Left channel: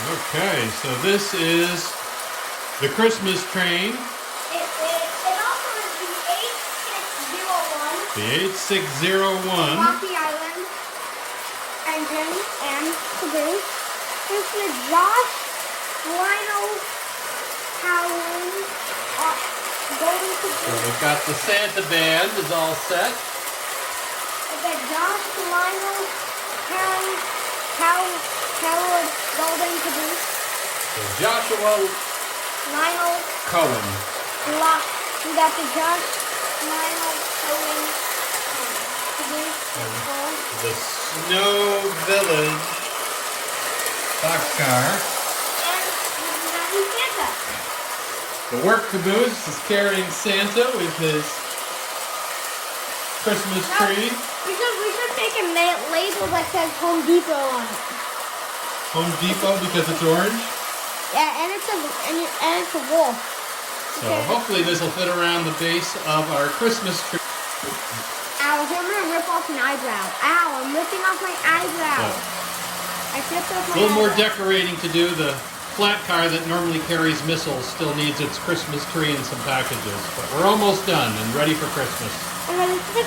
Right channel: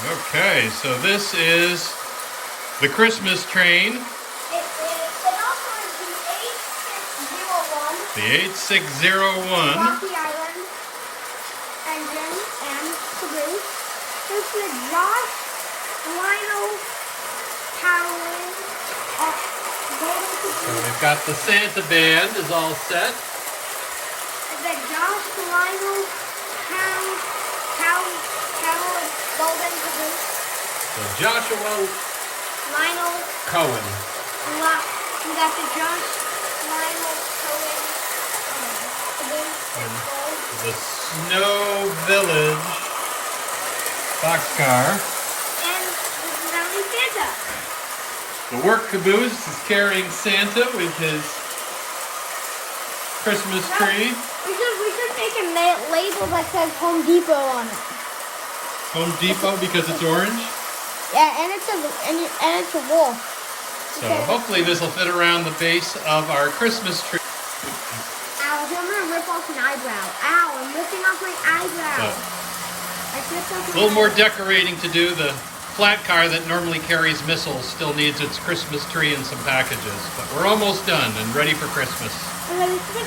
Okay, so this is the Christmas train. It also has the 8601 The 8601. Rocky Island engine and caboose. This is Josh Lionel Howland golden So caboose. we've got the Santa band is all set. The Josh Lionel Howland golden caboose. So Joshua Lionel Cohen. We got the Josh Lionel caboose. And the Snow Village boxcar. And now we Santa. The work caboose is carrying Santa with his Christmas tree. We should make a label that says Home Depot on it. Home Depot because it's orange. Yeah, and it's a wolf. So hopefully this will fit around the base of our Christmas tree. Ow, I'm gonna rip off an eyebrow. Ow, I'm ripping off my eyebrow. So, I ripped off a my little more eyebrow. decorating to do. The flat car that normally carries missiles still needs its Christmas tree and some packages. But we're almost done and ready for Christmas. And then it's